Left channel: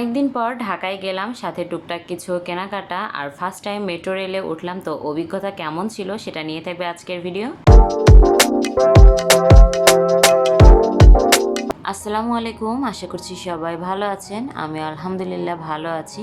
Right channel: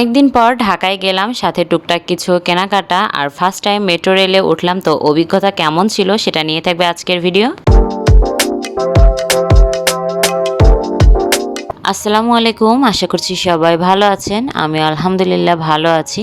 অনেকদিন পর ঢাকায় গেলাম, সাথে টুকটাক কিছু কেনাকাটা আর ফার্স্ট টাইম মেট্রো রেলে উঠলাম, তো অভিজ্ঞতা কেমন ছিল সেটা নিয়ে থাকবে আজকের ভিডিও আসসালামু আলাইকুম, আশা করছি সবাই ভালো আছেন। আমি আলহামদুলিল্লাহ ভালো আছি।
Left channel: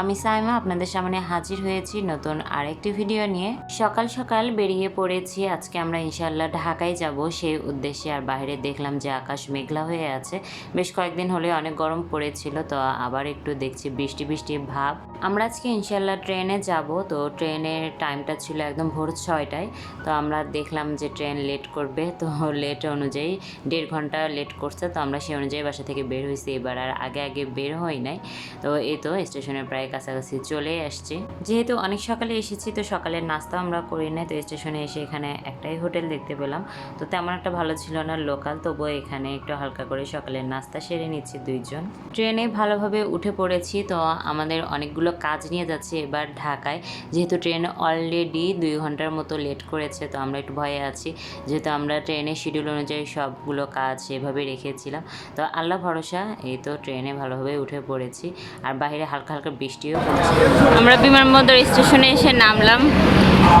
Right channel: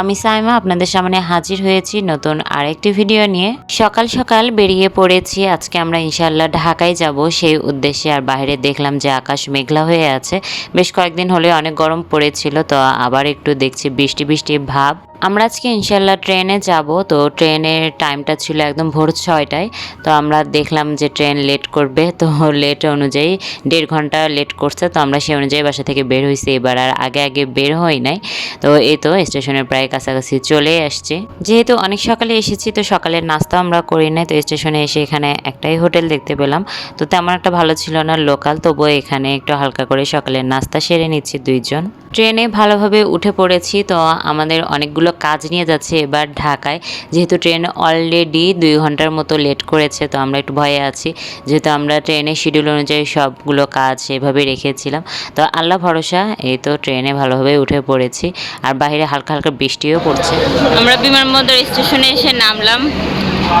আমি সাইমা, আপনাদের সামনে হাজির হয়েছি নতুন আরেকটি ভিডিও নিয়ে। সকাল সকাল বেরিয়ে পড়েছি, আজকে আমরা ইনশাল্লাহ ঢাকায় যাব। সেই উদ্দেশ্যে আর বাইরে দেখলাম যে আকাশ মেঘলা হয়ে আছে। বেশ কয়েকদিন হলে অনেক গরম পড়েছিল, তো আবার একটু দেখছি বৃষ্টি বৃষ্টি ভাব। আমরা আজকে ইনশাল্লাহ ট্রেনে যাব, তো ট্রেনের টাইমটা ছিল একদম ভোর ছয়টায়। তো আমরা দেখলাম যে ট্রেন লেট করবে, তো লেট অনুযায়ী দেড় ঘণ্টা লেট করছে, তো আমরা সেই অনুযায়ী বাসা থেকে বের হয়েছি এবার আর আগে আগে বের হই নাই। তো এই তো স্টেশনের প্রায় কাছাকাছি চলে আসছে। যেহেতু অনেক সকালে এসেছি, তো সকালের নাস্তা আমরা করি নাই। তো স্টেশনে এসে এখানে একটাই হোটেল দেখতে পেলাম। তো তেমন একটা ভালো ছিল না, লোকাল। তবুও এখানে একটু হালকা করে সকালের নাস্তা সেরে নিচ্ছি দুইজন। ট্রেনে ভালোভাবে উঠে পড়েছি, তো আমাদের অনেকগুলো কাজ নিয়ে যাচ্ছে এবার ঢাকায়। যেহেতু ট্রেন অলরেডি দুই ঘণ্টার মতো লেট করেছে, তো আমরা একটু ভয়ে আছি। যেহেতু আমরা ট্রেনের শিডিউল অনুযায়ী সবগুলো কাজ এভাবে রেখেছিলাম, তো আল্লাহ ভরসা, এই তো ট্রেনে ভালোভাবে উঠে পড়েছি। আর বাইরে হালকা হালকা বৃষ্টিও পড়ছে। আমরা বিমানবন্দর স্টেশনে এসে নামলাম।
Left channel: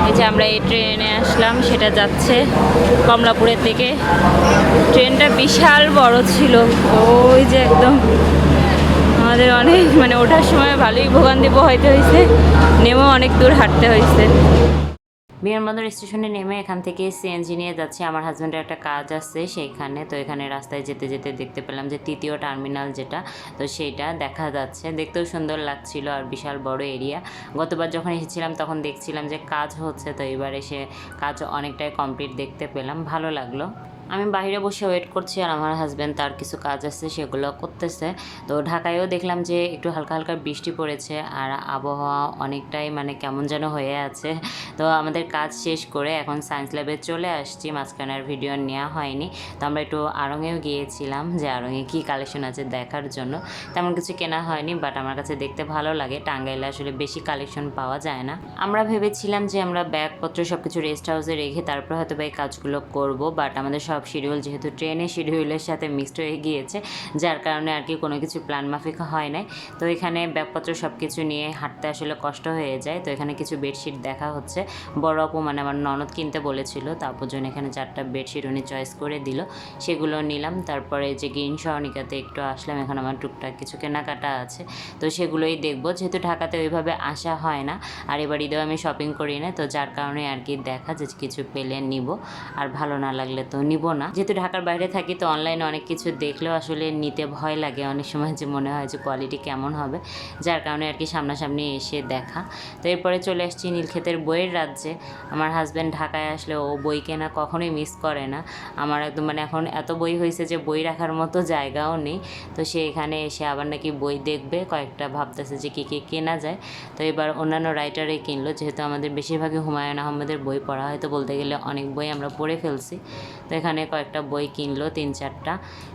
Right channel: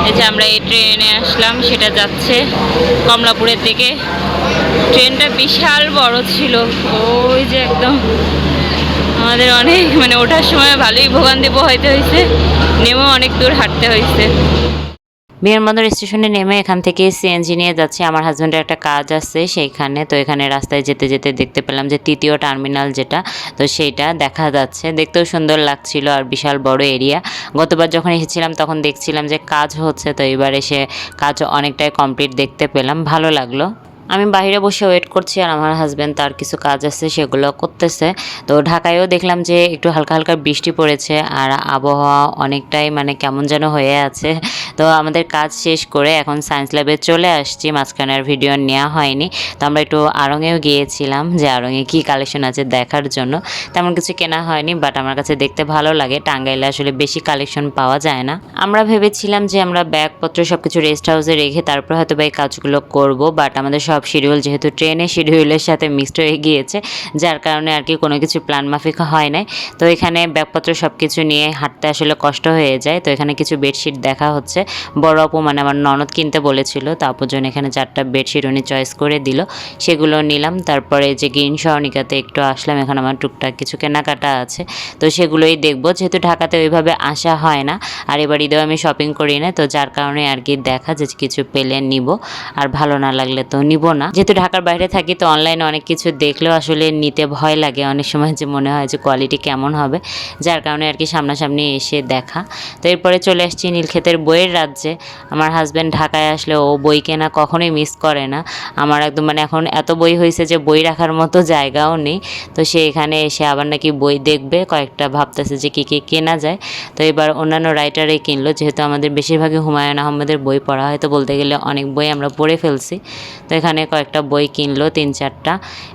এই যে আমরা এই ট্রেনে আসলাম, সেটা যাচ্ছে কমলাপুরের দিকে। ট্রেনটা বিশাল বড় ছিল। ওই যে একদম আমাদের অনেক মানে ওঠার সময় ভালোই ভোগান্তি পোহাইতে হয়েছে নেমেও অনেক দূর হাঁটতে হয়েছে বিমানবন্দর স্টেশনে নেমে এখান থেকে সিএনজি নিয়ে যাচ্ছি। আমার হাজব্যান্ডের একটা কাজ আছে সেইখানে, তো এখানে রাস্তায় যেতে যেতে দেখতে পেলাম যে তৃতীয় টার্মিনাল যেটা, তো সেইটা দেখা যাচ্ছে। দেখতেও সুন্দর লাগছিল আর বিশাল বড় এরিয়া গতবার যখন এসেছিলাম তখন দেখছিলাম যে কাজ হচ্ছে, তো এবার এসে কাজ অনেকটাই কমপ্লিট দেখতে পেলাম। ভালো লাগল। আমি বাইরে বসে ওয়েট করছি আর আমার হাজব্যান্ড তার কিছু কাজ আছে, সেগুলো করতেছে। তো ঢাকায়ও দেখলাম যে একটু হালকা হালকা বৃষ্টি পড়েছে আর আবহাওয়া অনেকটাই মানে কেমন যেন হয়ে আছে। তো আমাদের কাজ শেষ করে এখন সায়েন্স ল্যাবে চলে আসছি, মাঝখানে আর ভিডিও নেওয়া হয়নি। তো আমরা একটু আড়ঙেও গিয়েছিলাম যে আড়ঙে কী কালেকশন আছে দেখার জন্য। তেমন কিছু কেনা হয়নি বাট আমার কাছে দেখতে ভালো লাগে। টাঙ্গাইলে আসলে বেশি কালেকশন পাওয়া যায় না। আমরা ভেবেছিলাম যে আমরা ব্যাগপত্র সব কিছু রেস্ট হাউসে রেখে তারপর হয়তো বা এই কাজগুলো করব বাট আমাদের সব শিডিউল যেহেতু ট্রেনের শিডিউলের সাথে মিক্সড হয়ে গিয়েছে, যার কারণে আর কি কোনো কিছু প্ল্যান মাফিক হয় নাই। তো এখানে ব্যাগপত্র সব কিছু নিয়ে হাঁটতে আসলে কষ্ট হয়ে যায়। তো এখানে কিছু বেডশিট দেখা হচ্ছে। বড় আপু মানে আমার ননদ কিনতে বলেছিল, তো আপুর জন্য এখানে চারটা বেডশিট উনি চয়েস করে দিল। সেগুলো নিলাম। তারপরে যে গ্রিন সহনিকাতে একটু আসলাম। এখন আমার টুকটাক কিছু কেনাকাটা আছে। তো সেগুলোই দেখব। যেহেতু ঢাকাতে ওইভাবে আসা হয় না, আর এবার ঈদেও আমি শপিং করি না, তো যার কারণে আর কি দেখা যে কিছু পেলে নিব। আর ভালো না লাগলে তো নিব না। যেহেতু ঢাকার বাইরে থাকি, তো অনলাইনে অনেক কিছু দেখলেও আসলে নিতে ভয় লাগে। অনেক সময় যে মনে হয় যে কোয়ালিটি কেমন হবে। যার কারণে আর কি সামনাসামনি এসে দেখা। তো এরপরে চলে আসছি নীলক্ষেতের বইয়ের রাজ্যে। আমার হাজব্যান্ড ঢাকায় আসলে ও বই কেনা কখনোই মিস করে না। আমার একদম মানে এখন এত বই হয়েছে যে বই রাখার মতো জায়গাও নেই। তো সে এখানে এসে আবার নাকি বই দেখবে। কয়েকটা ভাবতেছে যে কী কী কেনা যায়। তো এবার অন্যান্য রাইটারে কিনলো। যেহেতু আমাদের বেশিরভাগই হুমায়ুন আহমেদের বই পড়া হয়, তো বলতে গেলে অনেক বই আমরা পড়ে ফেলছি। তো এখানে কয়েকটা বই কিনলো, তিন চারটা।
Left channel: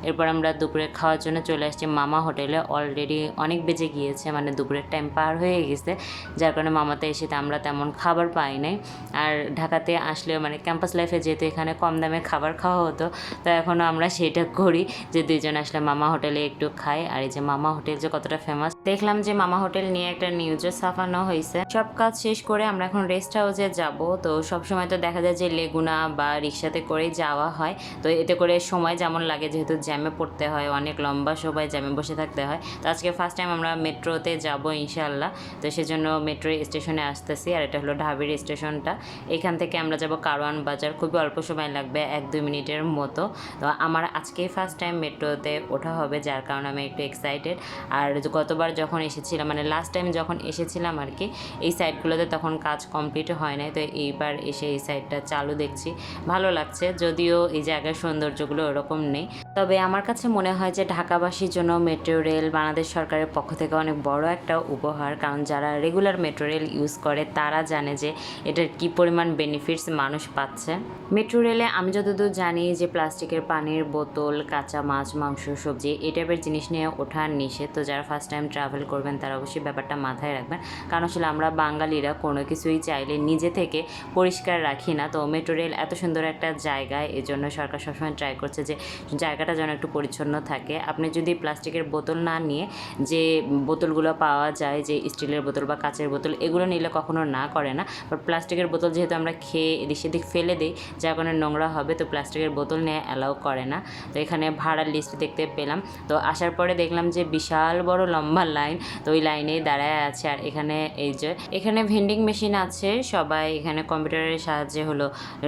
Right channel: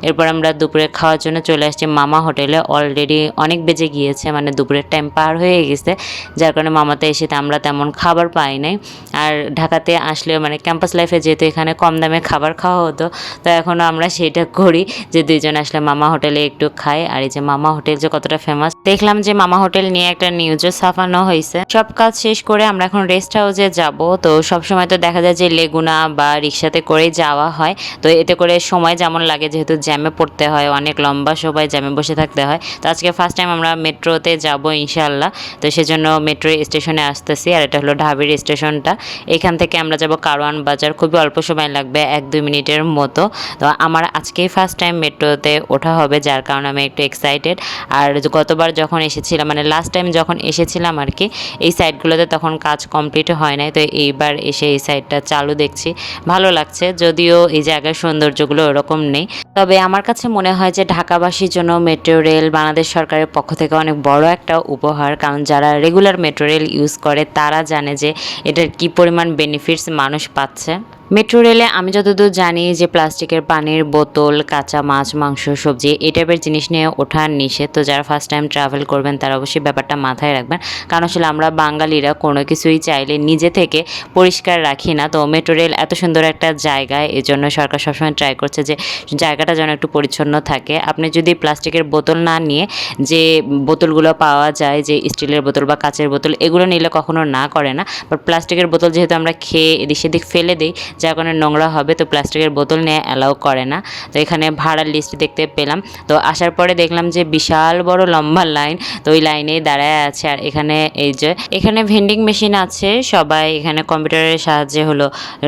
এরপর আমরা দুপুরে খাওয়ার জন্য চলে আসছি মামা হোটেলে। অলরেডি অনেক বেজে গিয়েছে মানে দুপুরের টাইম পার হয়ে গেছে। যার কারণে মামাতে এসে আমরা তেমন খাবার পাই নাই। আর ঢাকাতে আসলেও মানে ক্যাম্পাস লাইফে যেহেতু এখানে কম দামে খাবার খাওয়া হতো, তো এখনও আমরা সেটা করি যে দুইজন আসলে মামা হোটেলে একটু খাই। আর এই যে মামা হোটেল যে কতটা ফেমাস দেখলাম যে মামা হোটেল নিয়ে একটা নিউজও ছাপানো হয়েছে সব কাজ শেষ করে আমরা এখন রেস্ট হাউসে যাব। তো সব সময় তো দেখা যায় যে লেগুনা বা রিক্সাতে করেই যাওয়া হয়। তো এতে করে সময় যেমন লাগে, যেহেতু জ্যামে পড়তে হয়, অনেক লম্বা সময় জ্যামে বসে থাকতে হয়। তো আজকে ফার্স্ট টাইম আমরা মেট্রোতে যাব ইনশাল্লাহ তো সেজন্য মেট্রো স্টেশনে আসতেছি, আর এটা হলো ঢাবির স্টেশনটা। এখান থেকে আমরা যাব কারওয়ান বাজার। খুবই অল্প সময় লাগবে, এক দুই মিনিটের মতো। তো আমার আজকেই ফার্স্ট টাইম মেট্রোতে ওঠা হবে, যার কারণে আমি একটু এক্সাইটেড আর গতবার যখন এসেছিলাম মানে লাস্ট টাইম যখন এসেছিলাম আর কি, এই সাইডগুলোতে তখন কাজ কমপ্লিট হয় নাই। তো এইবার এসে এই সাইডটা চালু দেখছি। ভালো লাগছে, যদিও এই জায়গার সৌন্দর্যগুলো ওরকম নেই। তবে আমার কাছে মনে হয় যে ঢাকাবাসীর জন্য মেট্রো রেল বাংলাদেশ সরকারের পক্ষ থেকে অনেক বড় একটা উপহার। কারণ যারা রেগুলার মেট্রো রেল ইউজ করে, তারা জানে যে এটার কি পরিমাণ বেনিফিটস মানুষ পাচ্ছে। মেট্রো রেলে আমি যতদূর জানি যে প্লাস্টিকের পানির বোতল, কাঁচা মাছ, মাংস, সবজি এই টাইপের জিনিস নিয়ে ওঠার নিষেধ। তো যারা ফার্স্ট টাইম ট্রাভেল করবেন, তারা অবশ্যই ব্যাপারটা মাথায় রাখবেন। কারণ আসলে আমরা বাঙালিরা কোনো কিছুই চাইলে নিজে থেকে পরিষ্কার রাখি না। তো মেট্রো রেল এত সুন্দর একটা জায়গায় এই জন্য সরকার সবসময় ট্রাই করছে যে জায়গাটা যেন একটু পরিচ্ছন্ন থাকে। আপনি যদি প্লাস্টিকের বোতল না নিয়ে যে বোতলগুলো পাওয়া যায়, যে স্টিলের বোতল বা কাচের বোতল, এগুলো নিলে কখনো না করে না। বাট প্লাস্টিকের বোতল যেহেতু আমরা খেয়ে এদিক সেদিক ফেলে দিই যার কারণে নোংরা হবে, তো প্লাস্টিকের বোতল নিয়ে অ্যালাউ করে না। তো এখানে ভাড়ার লিস্ট দেখতে পেলাম। তো আসার পরে দেখলাম যে বিশাল বড় লম্বা লাইন তো ওই লাইনেই দাঁড়ায় আছে। আর এখানে এই যে, এখানে ভেন্ডিং মেশিন আছে। সবাই এখানে কম্পিউটারের সাহায্যে হলো,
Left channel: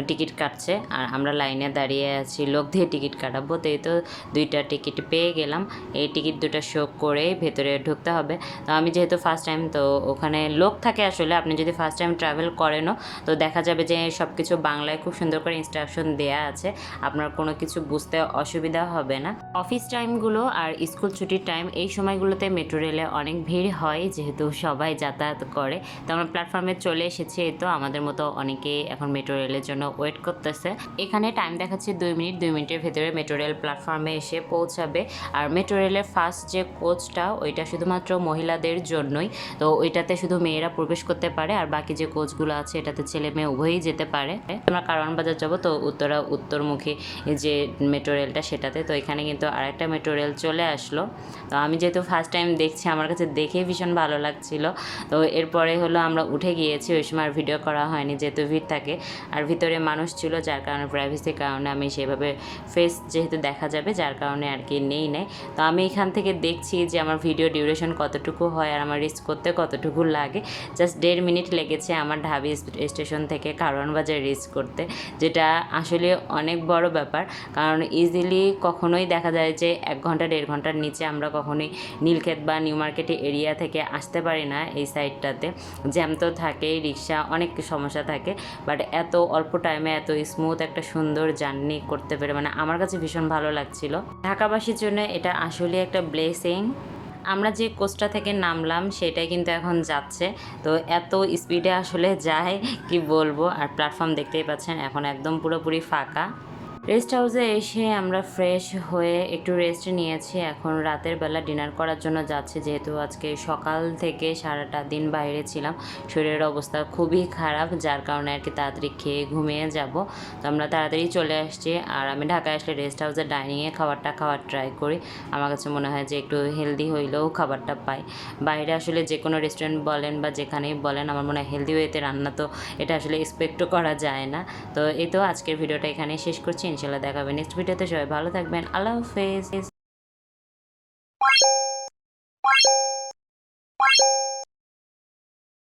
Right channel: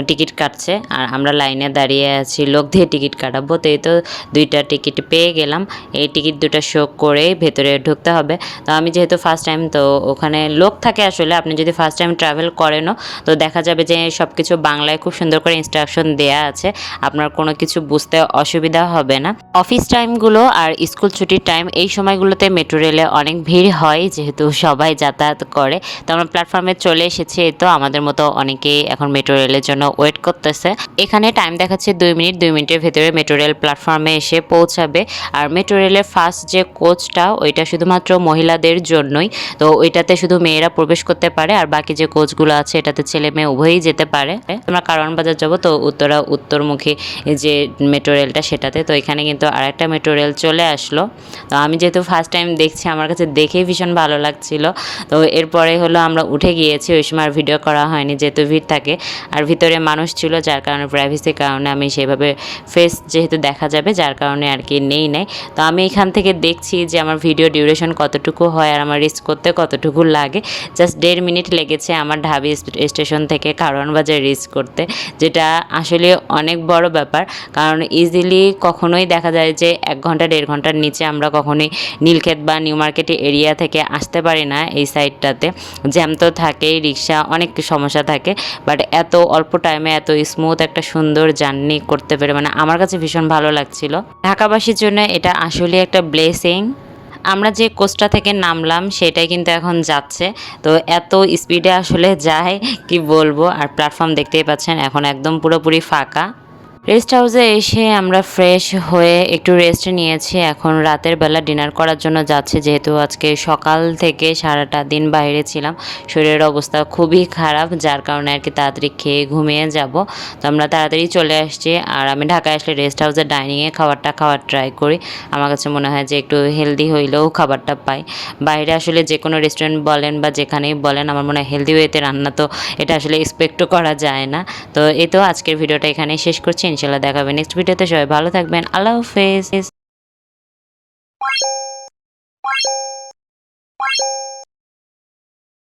টিকিট কাটছে। আর আমরা লাইনে দাঁড়িয়ে আছি, লোক দিয়ে টিকিট কাটাবো। তো এই তো দুইটা টিকিট পেয়ে গেলাম। এই টিকিট দুটো শো করে ভেতরে ঢুকতে হবে। তো আমি যেহেতু ফার্স্ট টাইম তো ওখানে লোক থাকে আসলে। আপনি যদি ফার্স্ট টাইম ট্রাভেল করেনও, তো দেখা যাবে যে সব কিছু বাংলায় খুব সুন্দর করে ইনস্ট্রাকশন দেয়া আছে, আপনার কোনো কিছু বুঝতে অসুবিধা হবে না। অফিস টাইমগুলো আর স্কুল ছুটির টাইম এই সময়গুলোতে মেট্রো রেলে অনেক ভিড় হয়, যেহেতু সবাই যাতায়াত করে। তো আমরা প্ল্যাটফর্মে চলে এসেছি, এই তো আমাদের মতো অনেকেই এখন মেট্রো রেলের জন্য ওয়েট করতেছে। এখানে টাইম দেখাচ্ছে দুই মিনিট, দুই মিনিটের ভেতরে মেট্রো রেল প্ল্যাটফর্মে এসে পৌঁছাবে। আর মেট্রো রেলের ফার্স্ট যে কোচটা ওইটা শুধুমাত্র মহিলাদের জন্যই। তো ওইটাতে শুধু মেয়েরা প্রবেশ করতে পারে, আর বাকি যে কোচগুলো আছে, এটাতে ছেলে মেয়ে উভয়ই যেতে পারে। আমরা কারণ বাজার যাব, তো উত্তরা, উত্তরমুখী যে মেট্রো রেলটা সেটাতে। তো এখানে কিন্তু আরেকটা মেট্রো রেল চলে আসলো। তো আমি যেহেতু ফার্স্ট টাইম দেখছি, আমার কাছে দেখেই ভীষণ ভালো লাগছিল। তো এরপরে হলো আমরা উঠে গিয়েছি, ওই সময় আর ভিডিও করা হয়নি, যেহেতু ভিড় থাকে। আর ভিতরে মানুষ ছিল, যার কারণে প্রাইভেসির কারণে আমি সেভাবে ফেস যেহেতু দেখা যাবে, যার কারণে আর কি নেই নেই। তো আমি এখান থেকে দেখছি যে আমার ভিডিও ডিউরেশন কতটুকু হয় আর আমার রিস্ক করতে কতটুকু লাগে। জাস্ট দেড় মিনিট লেগেছে আমার ঢাবি স্টেশন থেকে কারণ বাজার রিচ করতে। যেটা আসলে অনেক বড় ব্যাপার। কারণ ইজিলি কখনোই দেখা যায় যে এক ঘণ্টা, দেড় ঘণ্টার নিচে আমরা কখনোই নীলক্ষেত বা নিউ মার্কেট এরিয়া থেকে আসতে পারি না এই সাইডটাতে জ্যাম তো থাকেই, রিক্সা অনেক সমস্যা থাকে। বাট এত অল্প টাইমে এত স্মুথ একটা সুন্দর জার্নি করতে পেরে মানে আমার কাছে ভীষণ ভালো লাগছিল। ঢাকাবাসীর জন্য এটা আসলে একটা ব্লেসিং আমরা যে কোচটা থেকে নামলাম, সেটাই কিন্তু এখন যাচ্ছে। তো এত স্পিডে আসলে যায়, কি বলব? আর প্ল্যাটফর্ম দেখতেই পাচ্ছেন, এখন একদম পুরোপুরি ফাঁকা। রেস্ট হাউসে এসে আমরা ফ্রেশ হয়ে একটু রেস্ট নিয়েছি। এখন রাতের বেলা ডিনার করার জন্য যাচ্ছি। যেহেতু আজকে সকাল থেকে সারাটা দিন বাইরে ছিলাম, শরীরের অবস্থা খুবই খারাপ, যার কারণে আর কি তাড়াতাড়ি খেয়ে ঘুমিয়ে যাব। তো আমরা তাড়াতাড়ি চলে আসছি আর আমি ঢাকায় আসলে রেস্ট হাউসে ডাইনিংয়ে খাবারটা খাওয়ার ট্রাই করি। আমার কাছে মনে হয় যে একটু হেলদি হইলেও খাবারটা পাই। বাইরে আসলে যে কোনো রেস্টুরেন্ট বলেন বা যেখানেই বলেন, আমার মনে হয় হেলদি ওয়েতে রান্না তো এটা আসলে এক্সপেক্টও করা যায় না। তো এই তো আজকের ভিডিওটা এখানেই শেষ করছি। ইনশাল্লাহ দেখাবে। নেক্সট ভিডিওতে সবাই ভালো থাকবেন। আল্লাহ হাফেজ।